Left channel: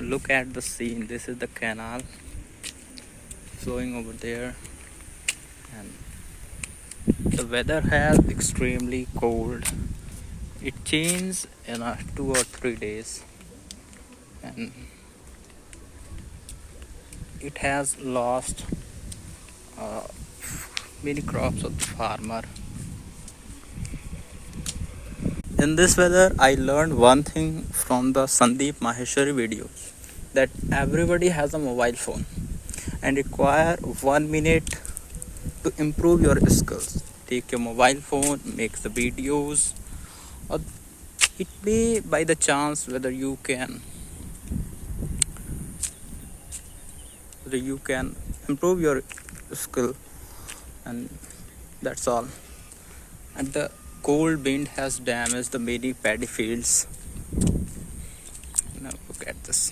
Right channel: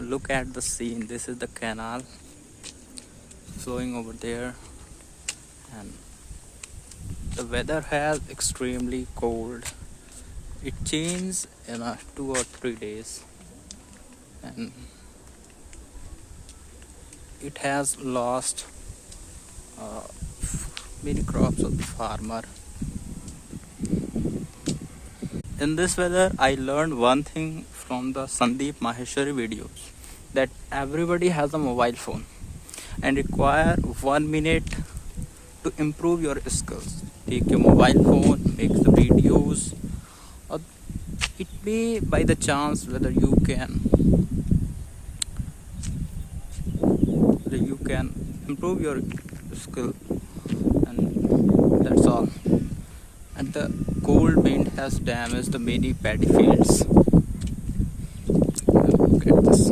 Look at the scene. This is the canal flowing over there, and the weather has extremely cold. It changes in 2 or 3 days, and it has lost uh, many crops of the farmer. In this weather, I learned one thing from the Sandeep Maheshwari videos, that everybody has a mobile phone and require 1 minute to improve your skills. Take your mobile phone, make the videos, or it may by the chance whether you can improve your skill, and that's all. And the cold wind has damaged the many paddy fields. Look at this.